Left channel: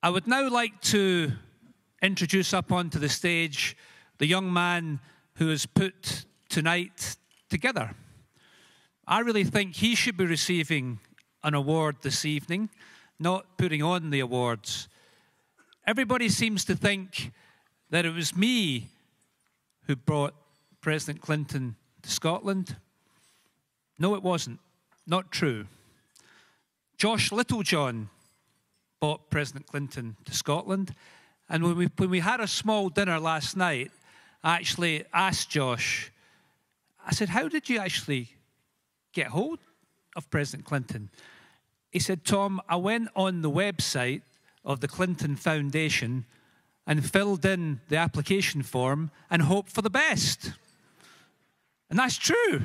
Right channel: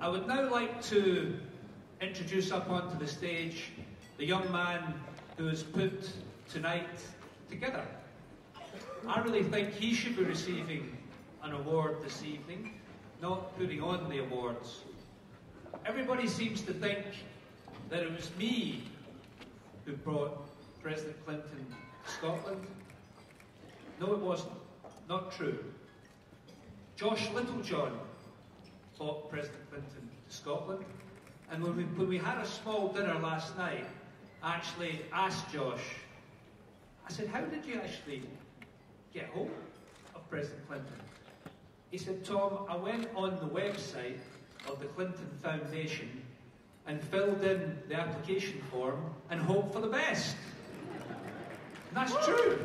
I would now like to introduce up onto the stage the young man who has put tonight together. I really think he should be receiving an award this evening, not putting on the awards. Everybody seems to think that it was me who brought President Clinton to Scotland. No, it wasn't. Not true. Josh Littlejohn brought President Clinton to Scotland. And when we had a small dinner last night, I actually asked Josh, I said, how did you actually get hold of President Clinton? He said, Tom, I went on the website of the Clinton Foundation and filled in the application form and hoped for the best. And that's true.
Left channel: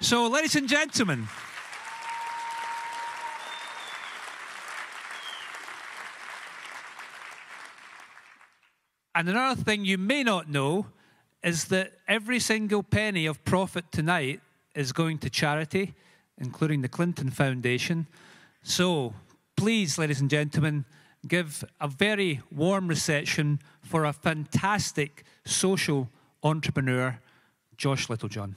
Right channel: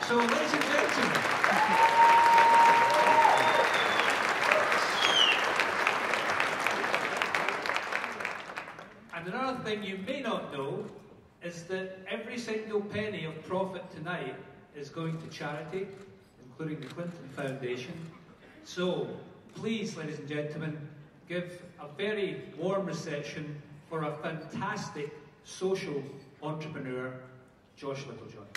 So, ladies and gentlemen, and another thing you may not know is that every single penny of profit tonight is going to charity, including the Clinton Foundation. So, please, ladies and gentlemen, give a very warm reception for a fantastic social entrepreneur, Josh Littlejohn.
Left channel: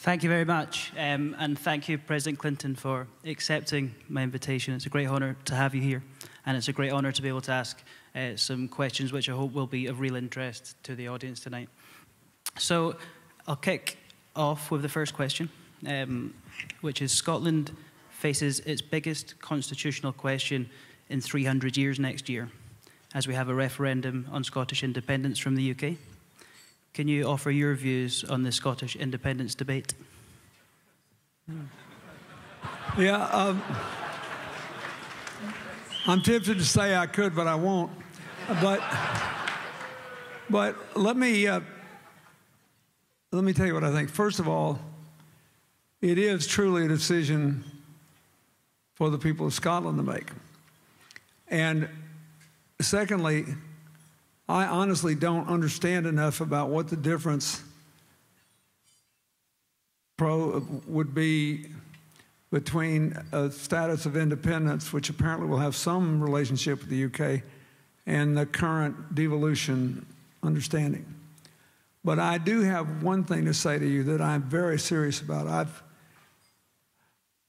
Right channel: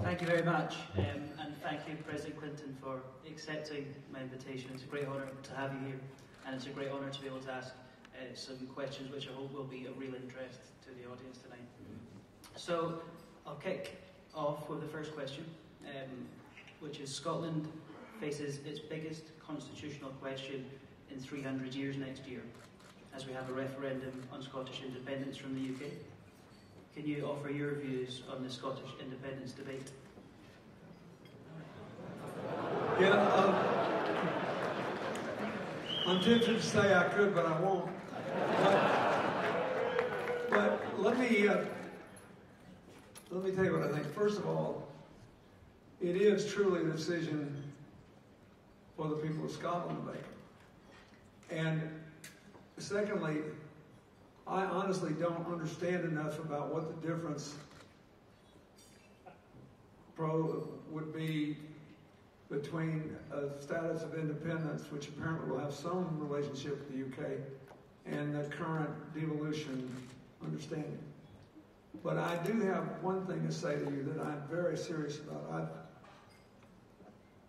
Thank you very much, and thank you, President Clinton, for accepting my invitation. It's a great honour to have you here, and it's a great honour to be able to ask some questions which I hope will be of real interest to the audience tonight. So I'll kick off with the first question, which is Scotland faces its biggest constitutional question in 300 years next year, as we have a referendum on Scottish independence from the UK. Can you offer your views on the Scottish independence debate? Yeah, I'm tempted to say I could, but I won't. But let me tell you what I think. First of all, it is truly a decision for the people of Scotland to make. And secondly, I honestly don't understand enough about what the difference would be between a status of independence, which apparently will have some relationship with the UK, and the current devolution understanding. But I do have one thing to say to you that I'm very serious about.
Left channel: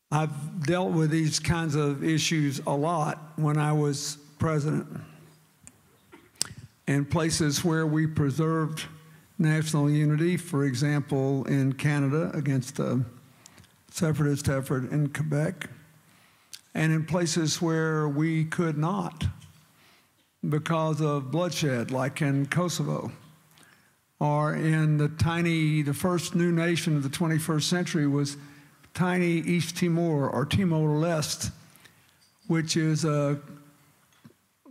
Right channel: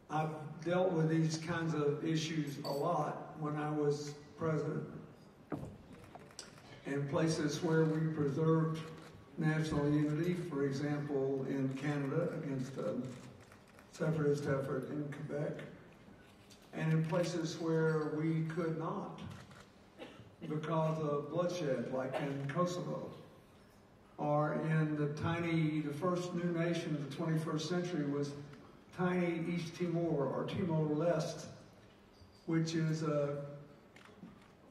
I've dealt with these kinds of issues a lot when I was president. And places where we preserved national unity, for example, in Canada against a separatist effort in Quebec, and in places where we could not because of bloodshed, like in Kosovo, or in the first new nation of the 21st century was tiny East Timor, or Timor-Leste, which is a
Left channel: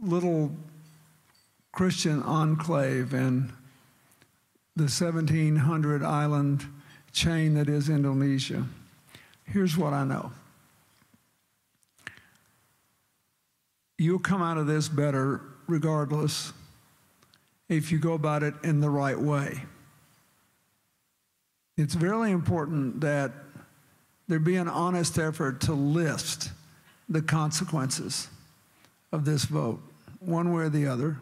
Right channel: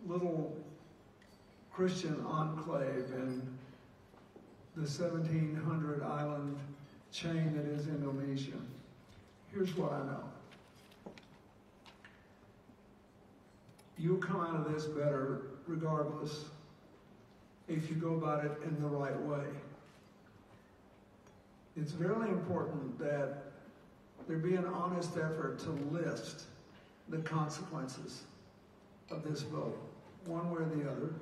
little Christian enclave in the 1,700 island chain that is Indonesia. Here's what I know. You'll come out of this better regardless if you go about it in the right way. It's very important that there be an honest effort to list the consequences of this vote, one way or the other.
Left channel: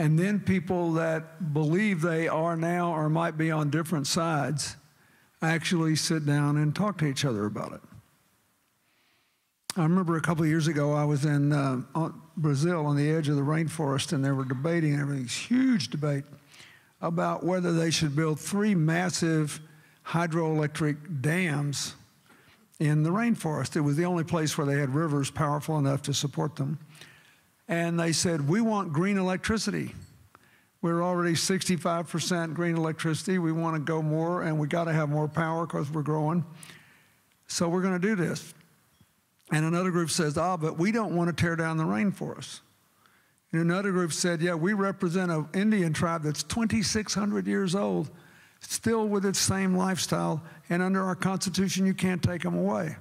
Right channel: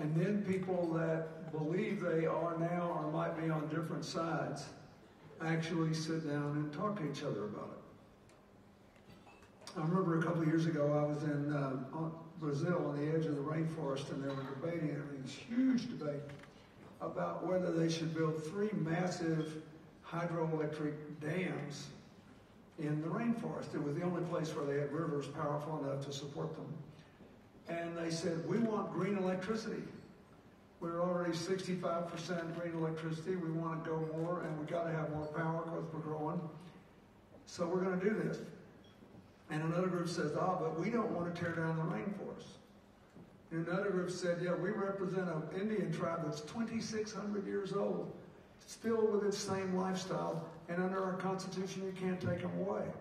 And then people that believe they are now or might be on different sides actually sit down and talk to each other about it. I remember a couple of years ago, I was in Brazil on the edge of the rainforest, and they were debating, everything's huge debate, about whether they should build 3 massive hydroelectric dams in the rainforest. It was the only place where they had rivers powerful enough to support them. And they said, we want green electricity. We're already 65% green electricity. We want to go more, and we got to have more power because we're growing. So we're going to do this. And another group says, but we don't want to tear down the rainforest. And another group said, yeah, we represent an Indian tribe that's 2,600 years old, still with its same lifestyle, and under our Constitution, you can't take them away.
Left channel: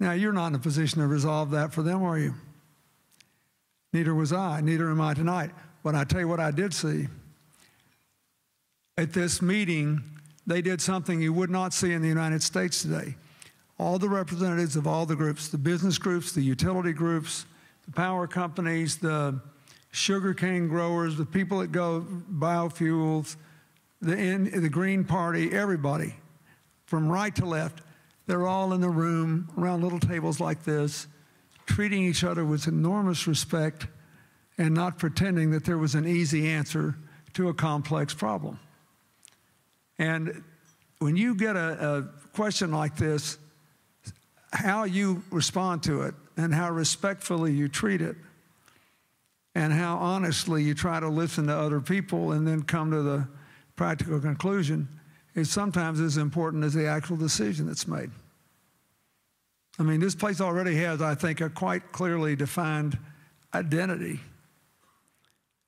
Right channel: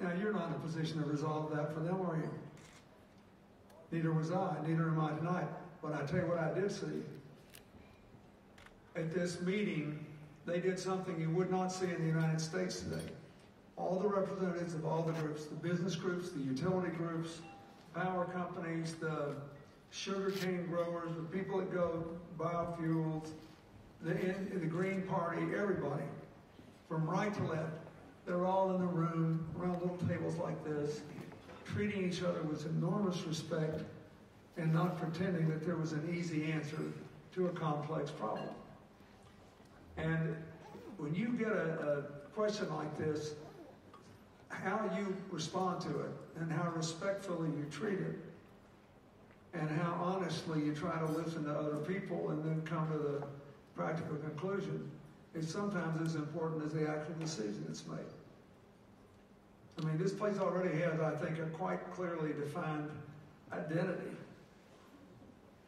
Now, you're not in a position to resolve that for them, are you? Neither was I, neither am I tonight. But I tell you what I did see. At this meeting, they did something you would not see in the United States today. All the representatives of all the groups, the business groups, the utility groups, the power companies, the sugarcane growers, the people that go biofuels, the Green Party, everybody, from right to left, they're all in the room around little tables like this, treating each other with enormous respect and not pretending that there was an easy answer to a complex problem. And when you get a question like this, how you respond to it and how respectfully you treat it and how honestly you try to listen to other people and then come to the practical conclusion is sometimes as important as the actual decision that's made. I mean, this place already has, I think, a quite clearly defined identity.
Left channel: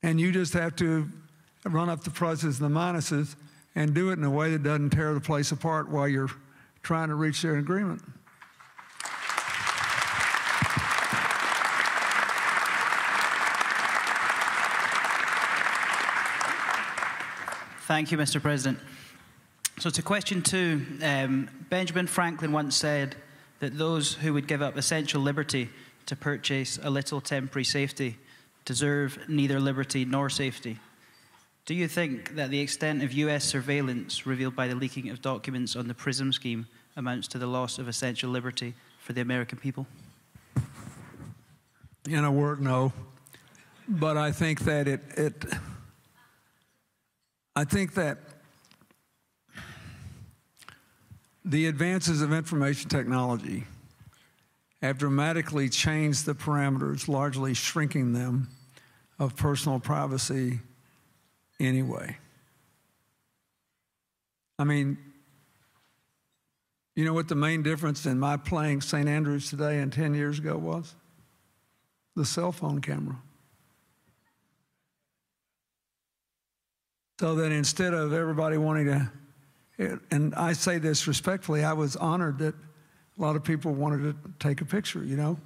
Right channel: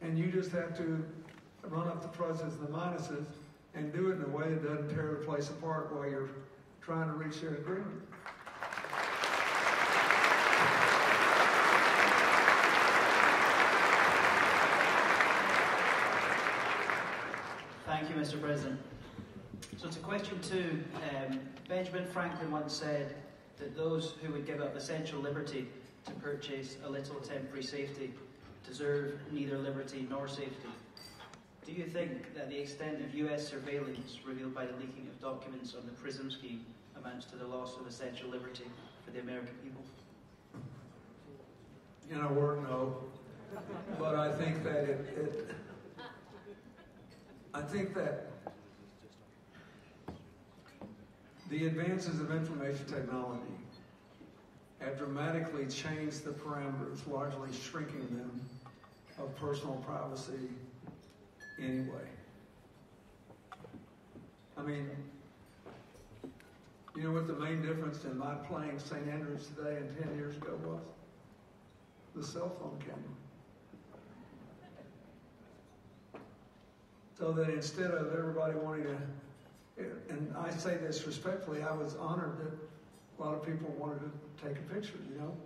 And you just have to run up the pluses and the minuses and do it in a way that doesn't tear the place apart while you're trying to reach an agreement. Thank you, Mr. President. So to question 2, Benjamin Franklin once said that those who would give up essential liberty to purchase a little temporary safety deserve neither liberty nor safety. Do you think that the extent of US surveillance revealed by the leaking of documents on the PRISM scheme amounts to the loss of essential liberty for the American people? In a word, no. But I think that I think that the advances of information technology have dramatically changed the parameters, largely shrinking them, of personal privacy anyway. I mean, you know what the main difference in my playing St. Andrews today and 10 years ago was? The cell phone camera. So that instead of everybody wanting to, and I say this respectfully, I was honored that a lot of people wanted to take a picture, you know.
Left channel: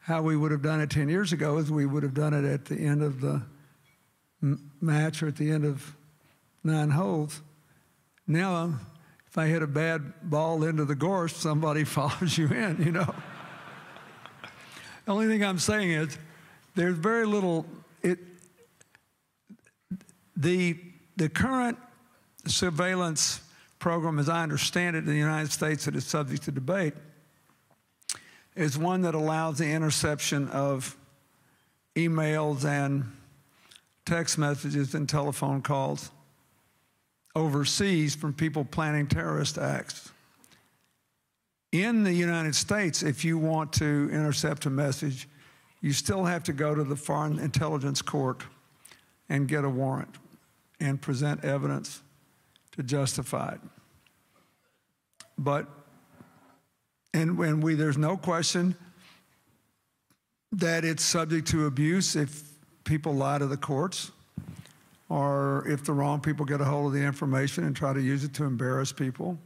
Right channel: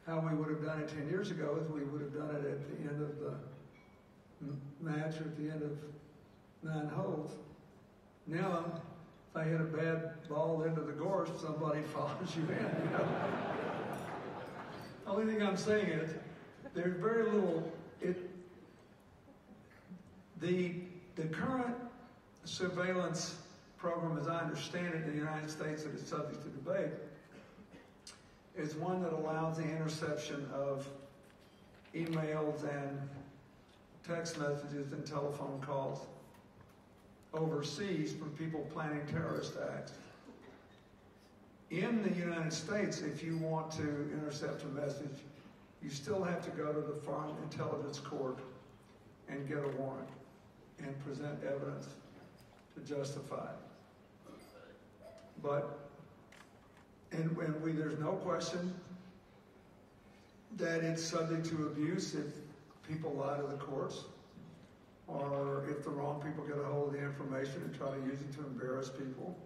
How we would have done it 10 years ago is we would have done it at the end of the match or at the end of 9 holes. Now, if I hit a bad ball into the gorse, somebody follows you in, you know. The only thing I'm saying is there's very little, the current surveillance program, as I understand it, in the United States that is subject to debate, is one that allows the interception of emails and text messages and telephone calls overseas from people planning terrorist acts. In the United States, if you want to intercept a message, you still have to go to the Foreign Intelligence Court and get a warrant and present evidence to justify it. But, there's no question that it's subject to abuse if people lie to the courts or if the wrong people get a hold of the information and try to use it to embarrass people.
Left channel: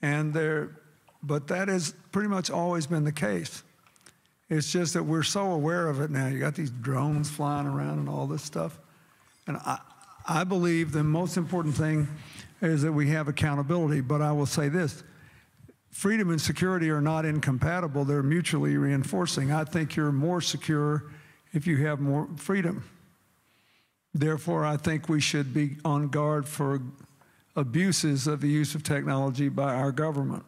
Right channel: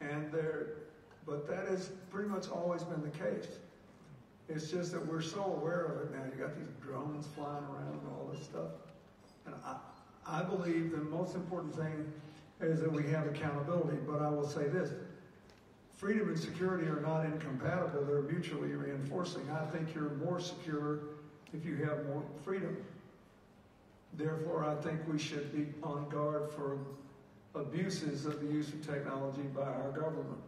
But that has pretty much always been the case. It's just that we're so aware of it now. You got these drones flying around and all this stuff. And I believe the most important thing is that we have accountability. But I will say this, freedom and security are not incompatible. They're mutually reinforcing. I think you're more secure if you have more freedom. Therefore, I think we should be on guard for abuses of the use of technology by our government.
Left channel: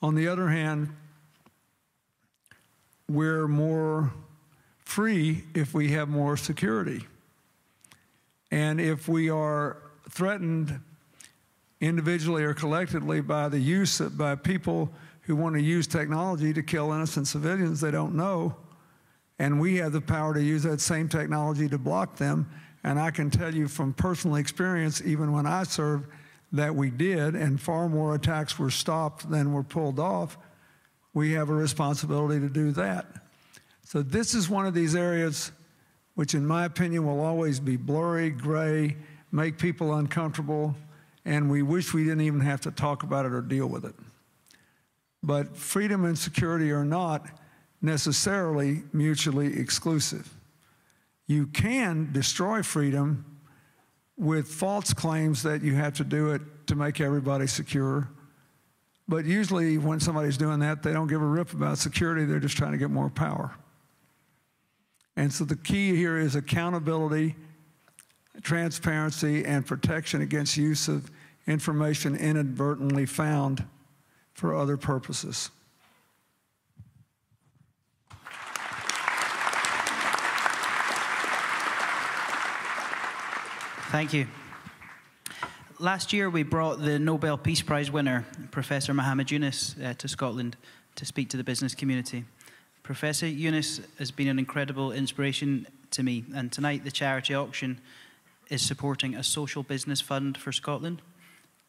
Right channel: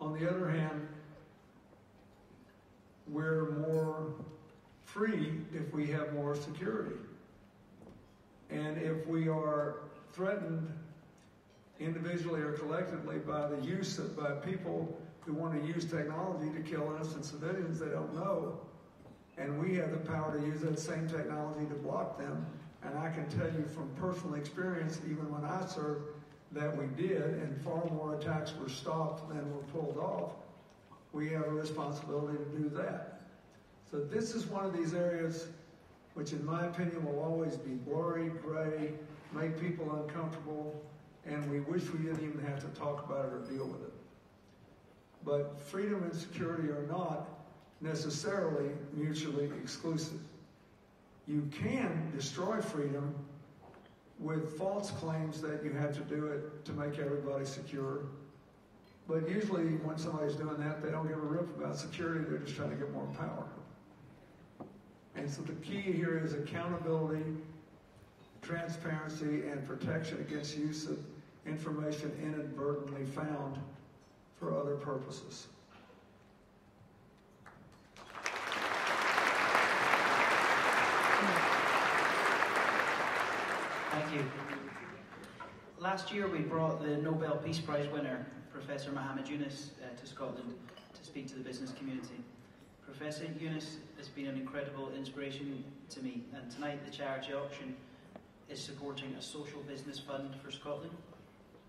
On the other hand, we're more free if we have more security. And if we are threatened individually or collectively by the use by people who want to use technology to kill innocent civilians they don't know, and we have the power to use that same technology to block them, and I can tell you from personal experience, even when I served, that we did, and far more attacks were stopped than were pulled off, we have a responsibility to do that. So this is one of these areas which in my opinion will always be blurry, gray, make people uncomfortable, and we wish we didn't even have to talk about it or deal with it. But freedom and security or not, necessarily mutually exclusive. You can destroy freedom with false claims that you have to do it to make everybody secure. But usually when somebody's doing that, they don't give a rip about security, they're just trying to get more power. And so the key here is accountability, transparency, and protection against use of information inadvertently found for other purposes. Thank you. Last year, we brought the Nobel Peace Prize winner, Professor Muhammad Yunus, to Scotland to speak to the business community. Professor Yunus has been an incredible inspiration to me, and tonight the charity auction is supporting a social business fund for Scotland.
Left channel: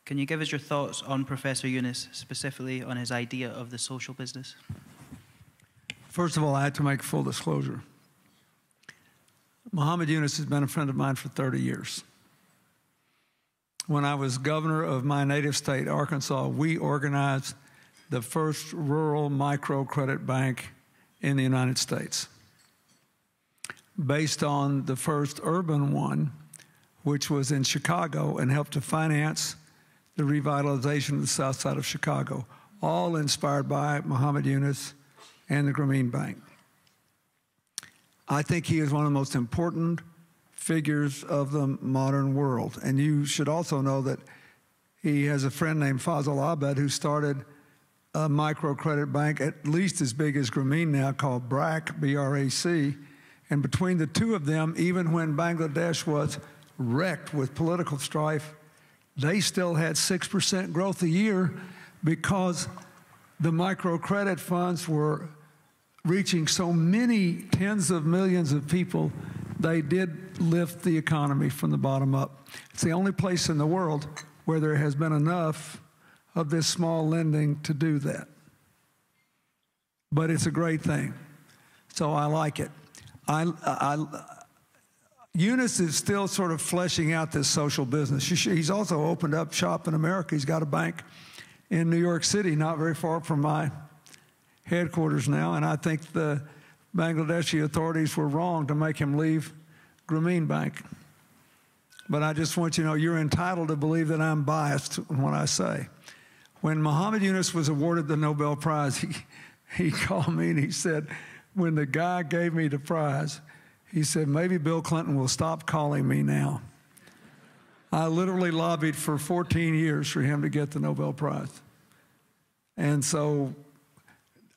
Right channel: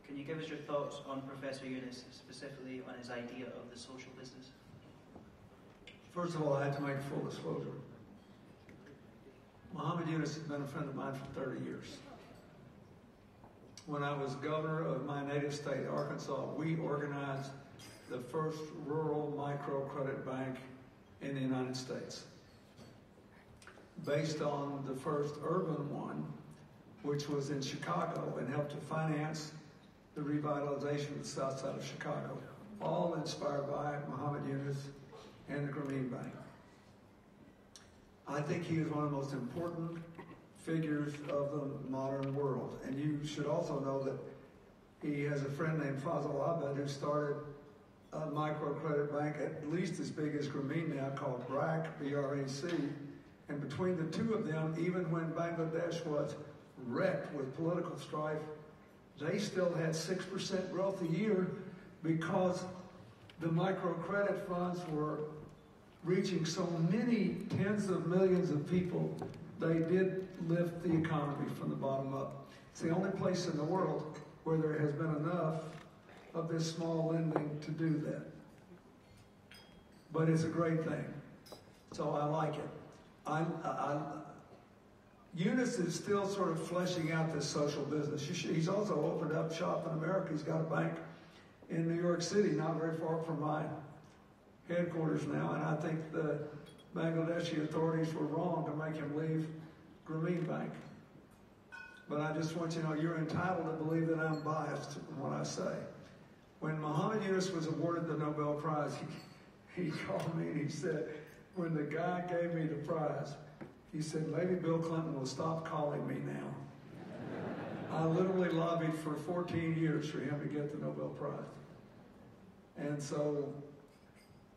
Can you give us your thoughts on Professor Yunus, specifically on his idea of the social business? First of all, I had to make full disclosure. Muhammad Yunus has been a friend of mine for 30 years. When I was governor of my native state, Arkansas, we organized the first rural microcredit bank in the United States, based on the first urban one, which was in Chicago and helped to finance the revitalization of the south side of Chicago, all inspired by Muhammad Yunus and the Grameen Bank. I think he is one of the most important figures of the modern world. And you should also know that he has a friend named Fazal Abed who started a microcredit bank at least as big as Grameen now, called BRAC, B-R-A-C. And between the two of them, even when Bangladesh was wrecked with political strife, they still had 6% growth a year because the microcredit funds were reaching so many tens of millions of people. They did lift the economy from the bottom up. It's the only place in the world where there has been enough of this small lending to do that. But it's a great thing, so I like it. Yunus is still sort of fleshing out this social business. He's also opened up shop in America. He's got a bank in New York City, not very far from my headquarters now, and I think the Bangladeshi authorities were wrong to make him leave Grameen Bank. But I just want you to know you're entitled to believe that I'm biased when I say. When Muhammad Yunus was awarded the Nobel Prize, he called me and he said, when the guy gave me the prize, he said, maybe Bill Clinton will stop calling me now. I literally lobbied for 14 years for him to get the Nobel Prize. And so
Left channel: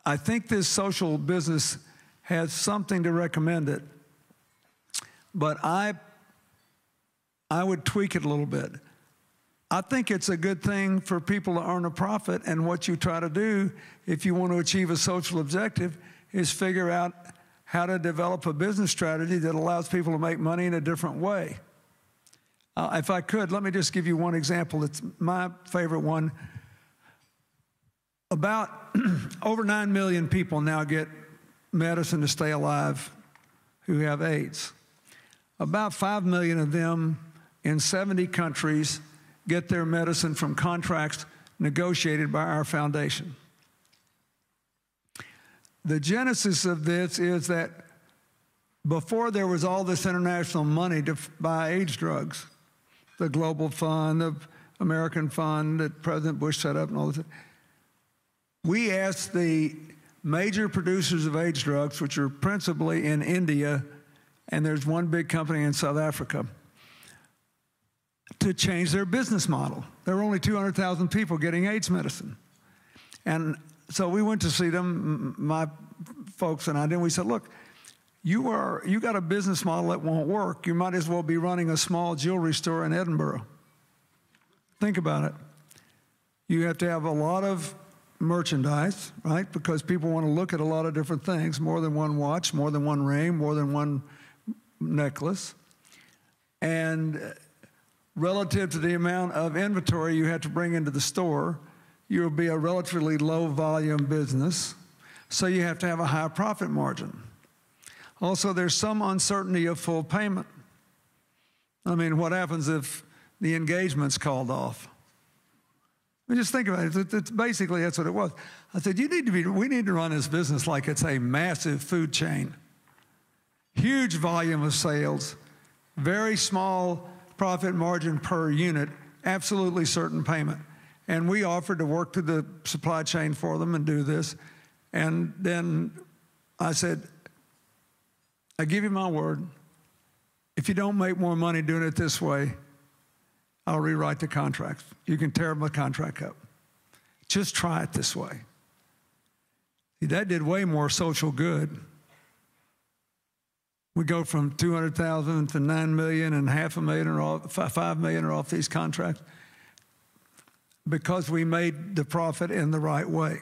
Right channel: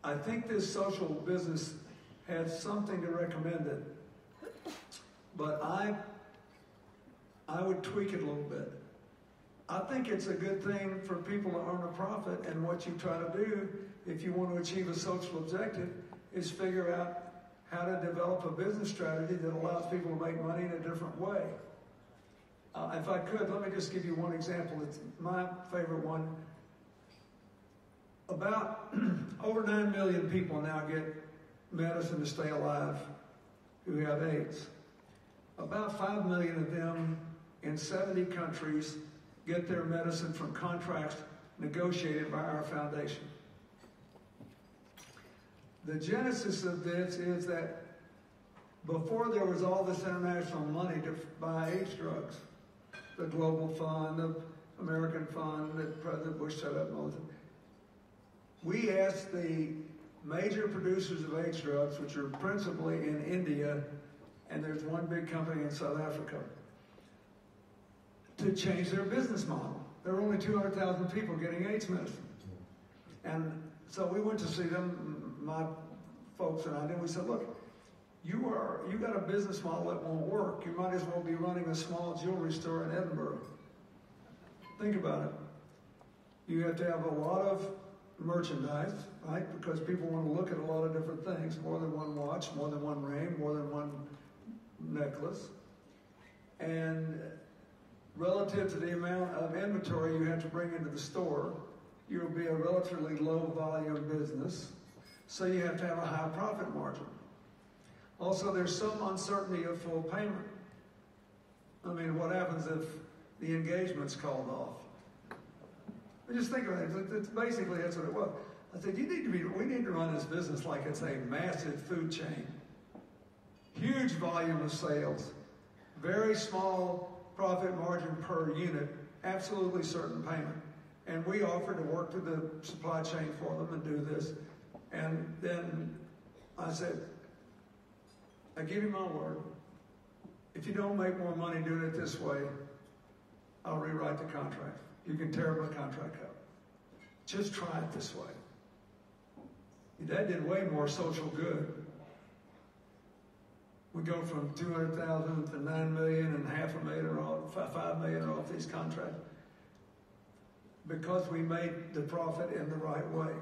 I think this social business has something to recommend it, but I would tweak it a little bit. I think it's a good thing for people to earn a profit, and what you try to do if you want to achieve a social objective is figure out how to develop a business strategy that allows people to make money in a different way. If I could, let me just give you one example. It's my favorite one. About over 9 million people now get medicine to stay alive who have AIDS. About 5 million of them in 70 countries get their medicine from contracts negotiated by our foundation. The genesis of this is that before there was all this international money to buy AIDS drugs, the Global Fund, the American Fund that President Bush set up and all this, we asked the major producers of AIDS drugs, which are principally in India, and there's one big company in South Africa, to change their business model. There were only 200,000 people getting AIDS medicine. And so we went to see them, my folks and I did, and we said, look, you got a business model that won't work. You might as well be running a small jewelry store in Edinburgh. Think about it. You have to have a lot of merchandise, right? Because people want to look at a lot of different things, more than one watch, more than one ring, more than one necklace. And relative to the amount of inventory you have to bring into the store, you'll be a relatively low volume business, so you have to have a high profit margin. Also, there's some uncertainty of full payment. I mean, what happens if the engagement's called off? I mean, just think about it. It's basically, that's what it was. I said, we need to run this business like it's a massive food chain. Huge volume of sales, very small profit margin per unit, absolutely certain payment. And we offered to work through the supply chain for them and do this. And then I said, I give you my word, if you don't make more money doing it this way, I'll rewrite the contract. You can tear my contract up. Just try it this way. That did way more social good. We go from 200,000 to 9 million and $500,000 or 5 million are off these contracts because we made the profit in the right way.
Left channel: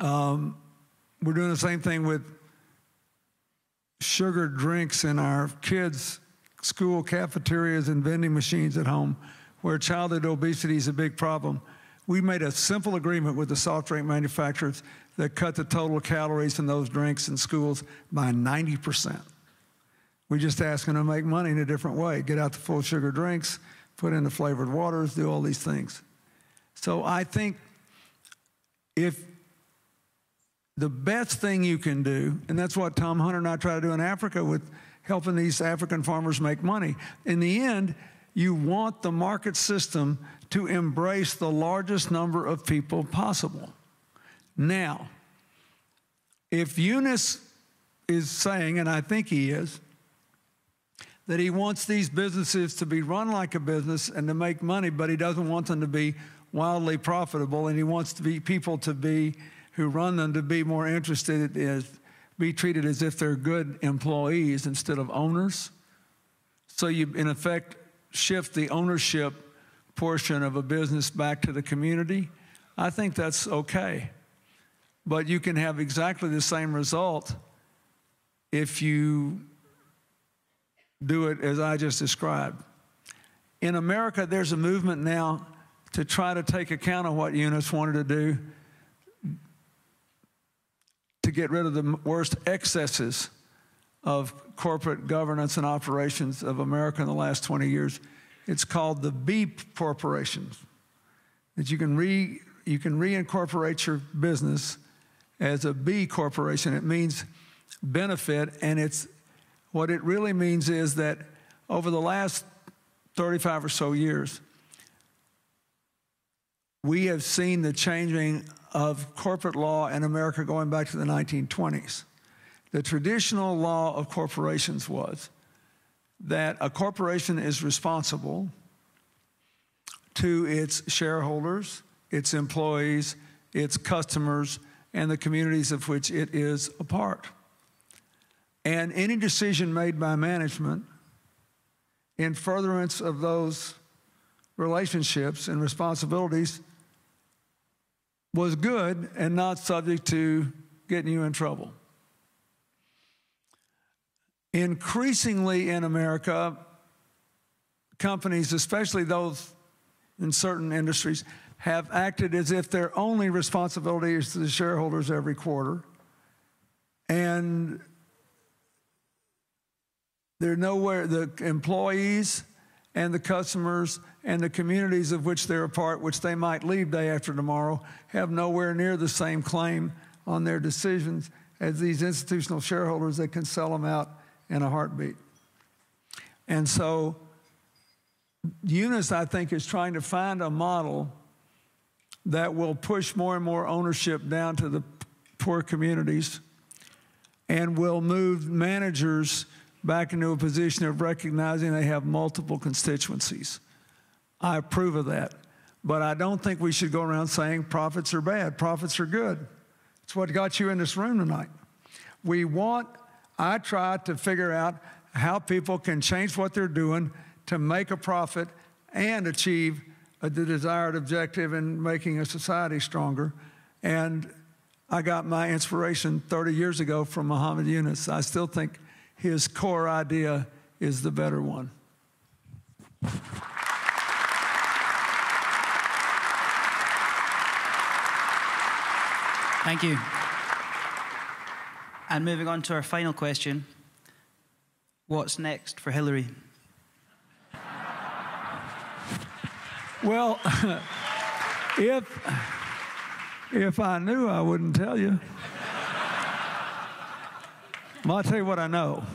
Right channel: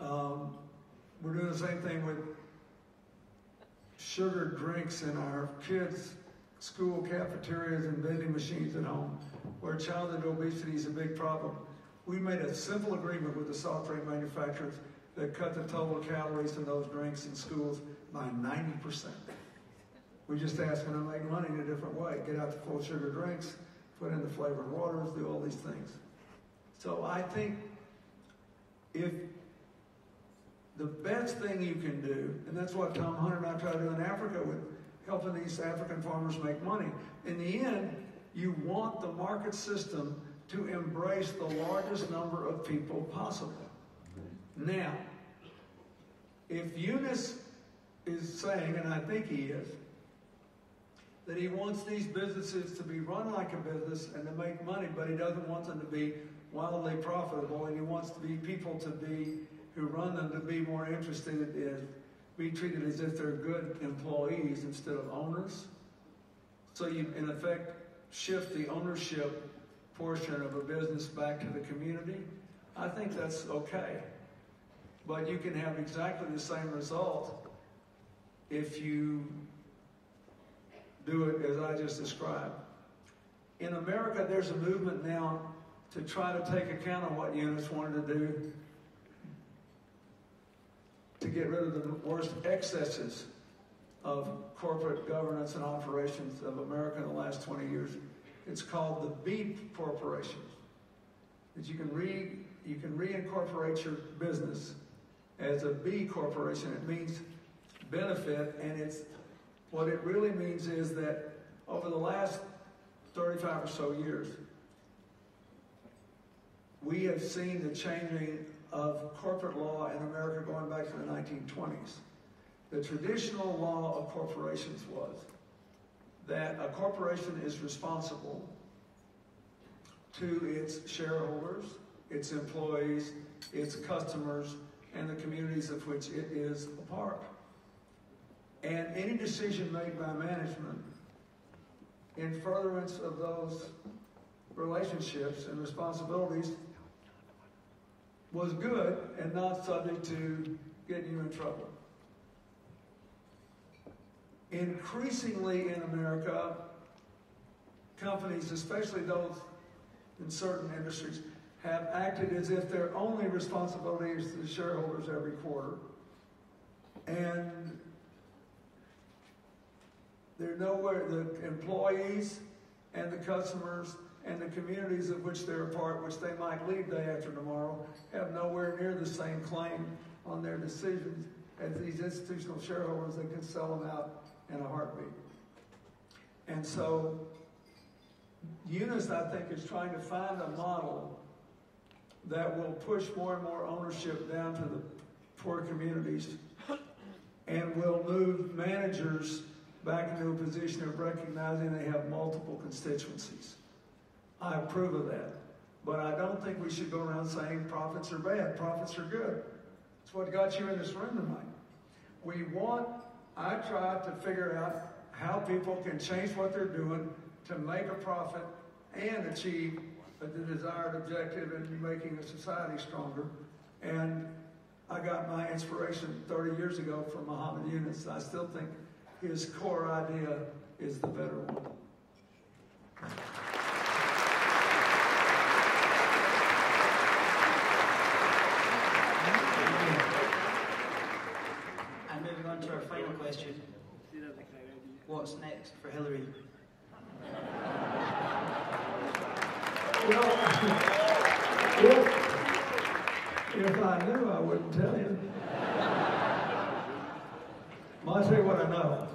We're doing the same thing with sugar drinks in our kids' school cafeterias and vending machines at home, where childhood obesity is a big problem. We made a simple agreement with the soft drink manufacturers that cut the total calories in those drinks in schools by 90%. We just asked them to make money in a different way, get out the full sugar drinks, put in the flavored waters, do all these things. So I think if the best thing you can do, and that's what Tom Hunter and I try to do in Africa with helping these African farmers make money. In the end, you want the market system to embrace the largest number of people possible. Now, if Yunus is saying, and I think he is, that he wants these businesses to be run like a business and to make money, but he doesn't want them to be wildly profitable, and he wants people to be, who run them, to be more interested in, be treated as if they're good employees instead of owners. So you, in effect, shift the ownership portion of a business back to the community. I think that's okay. But you can have exactly the same result if you do it as I just described. In America, there's a movement now to try to take account of what Yunus wanted to do to get rid of the worst excesses of corporate governance and operations of America in the last 20 years. It's called the B corporations. That you can reincorporate your business as a B corporation. It means benefit, and what it really means is that over the last 35 or so years, we have seen the changing of corporate law in America going back to the 1920s. The traditional law of corporations was that a corporation is responsible to its shareholders, its employees, its customers, and the communities of which it is a part. And any decision made by management in furtherance of those relationships and responsibilities was good and not subject to getting you in trouble. Increasingly in America, companies, especially those in certain industries, have acted as if their only responsibility is to the shareholders every quarter. And they're nowhere, the employees and the customers and the communities of which they're a part, which they might leave day after tomorrow, have nowhere near the same claim on their decisions as these institutional shareholders that can sell them out in a heartbeat. And so Yunus, I think, is trying to find a model that will push more and more ownership down to the poor communities and will move managers back into a position of recognizing they have multiple constituencies. I approve of that. But I don't think we should go around saying profits are bad. Profits are good. It's what got you in this room tonight. I try to figure out how people can change what they're doing to make a profit and achieve the desired objective in making a society stronger. And I got my inspiration 30 years ago from Muhammad Yunus. I still think his core idea is the better one. Thank you. And moving on to our final question. What's next for Hilary? Well, If I knew, I wouldn't tell you. Well, I'll tell you what I know.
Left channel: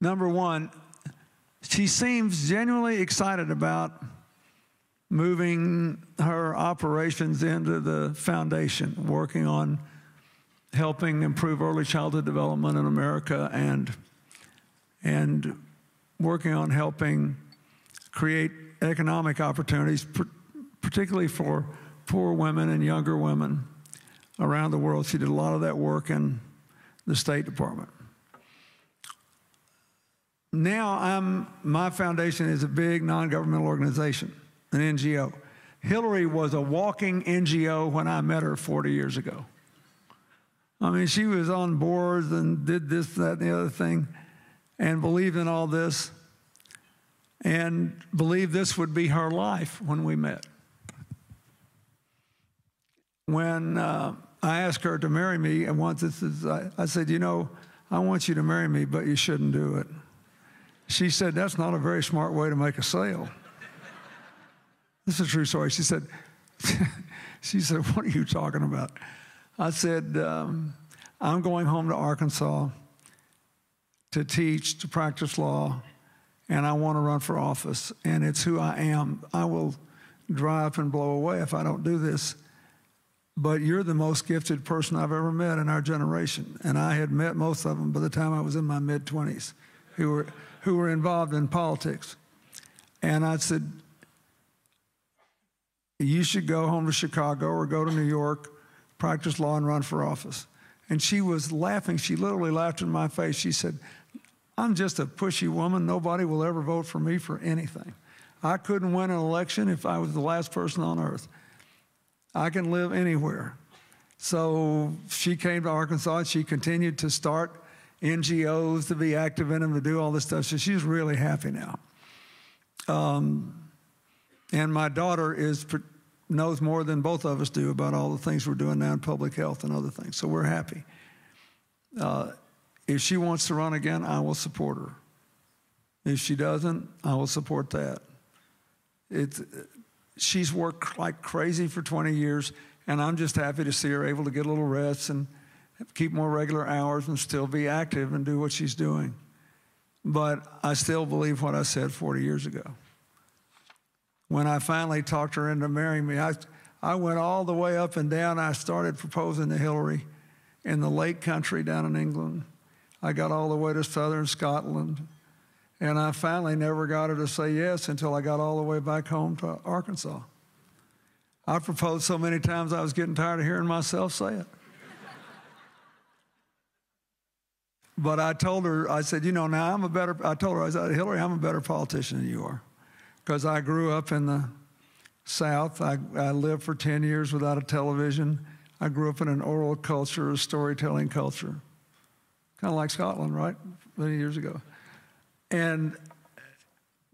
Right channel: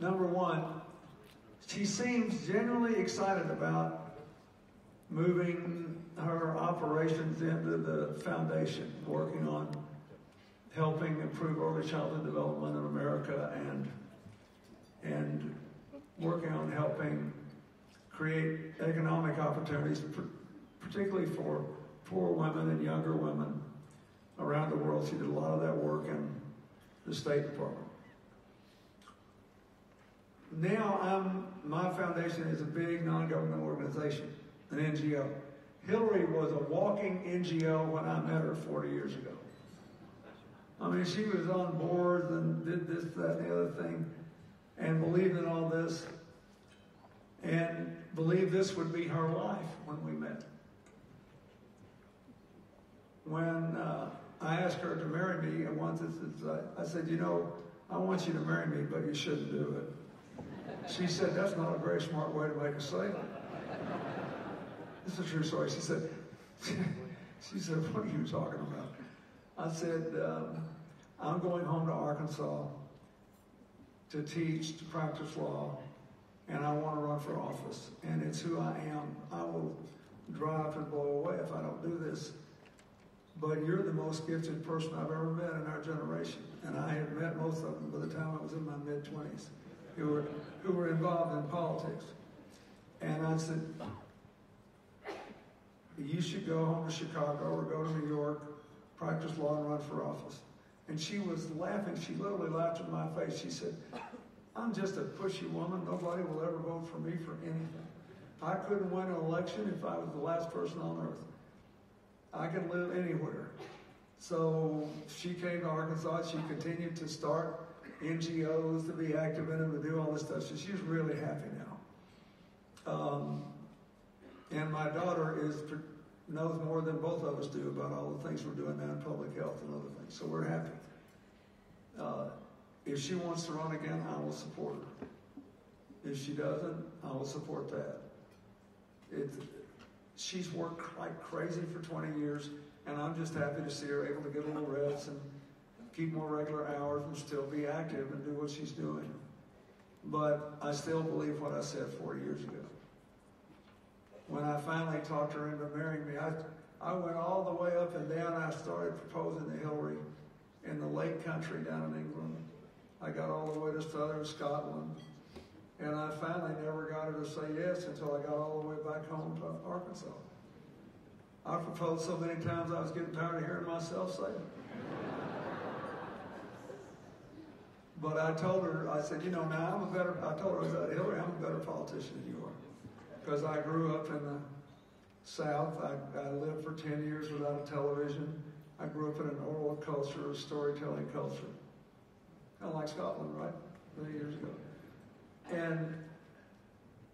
Number one, she seems genuinely excited about moving her operations into the foundation, working on helping improve early childhood development in America and working on helping create economic opportunities, particularly for poor women and younger women around the world. She did a lot of that work in the State Department. Now my foundation is a big non-governmental organization, an NGO. Hilary was a walking NGO when I met her 40 years ago. I mean, she was on boards and did this, that, and the other thing, and believed in all this, and believed this would be her life when we met. When I asked her to marry me, and once I said, you know, I want you to marry me, but you shouldn't do it. She said, that's not a very smart way to make a sale. This is a true story. She said, what are you talking about? I said, I'm going home to Arkansas to teach, to practice law, and I want to run for office, and it's who I am. I will dry up and blow away if I don't do this. But you're the most gifted person I've ever met in our generation. And I had met most of them by the time I was in my mid-20s who were involved in politics. And I said, you should go home to Chicago or go to New York, practice law and run for office. And she was laughing. She literally laughed in my face. She said, I'm just a pushy woman. Nobody will ever vote for me for anything. I couldn't win an election if I was the last person on earth. I can live anywhere. So she came to Arkansas. She continued to start NGOs, to be active in them, to do all this stuff. So she's really happy now. And my daughter knows more than both of us do about all the things we're doing now in public health and other things. So we're happy. If she wants to run again, I will support her. If she doesn't, I will support that. She's worked like crazy for 20 years, and I'm just happy to see her able to get a little rest and keep more regular hours and still be active and do what she's doing. But I still believe what I said 40 years ago. When I finally talked her into marrying me, I went all the way up and down. I started proposing to Hilary in the Lake Country down in England. I got all the way to southern Scotland. And I finally never got her to say yes until I got all the way back home to Arkansas. I proposed so many times I was getting tired of hearing myself say it. But I told her, I said, you know, now I told her, I said, Hilary, I'm a better politician than you are. Because I grew up in the South. I lived for 10 years without a television. I grew up in an oral culture, a storytelling culture. Kind of like Scotland, right? Many years ago.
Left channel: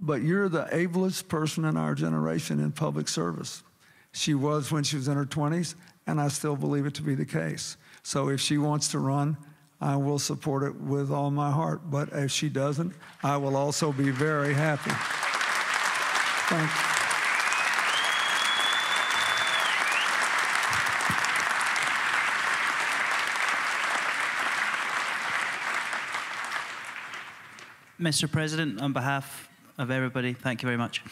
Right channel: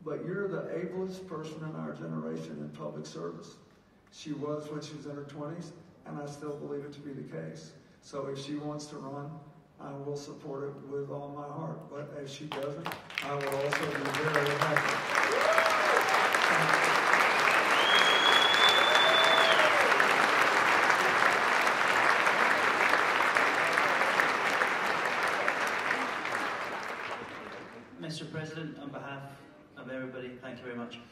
But you're the ablest person in our generation in public service. She was when she was in her 20s, and I still believe it to be the case. So if she wants to run, I will support it with all my heart. But if she doesn't, I will also be very happy. Thanks. Mr. President, on behalf of everybody, thank you very much.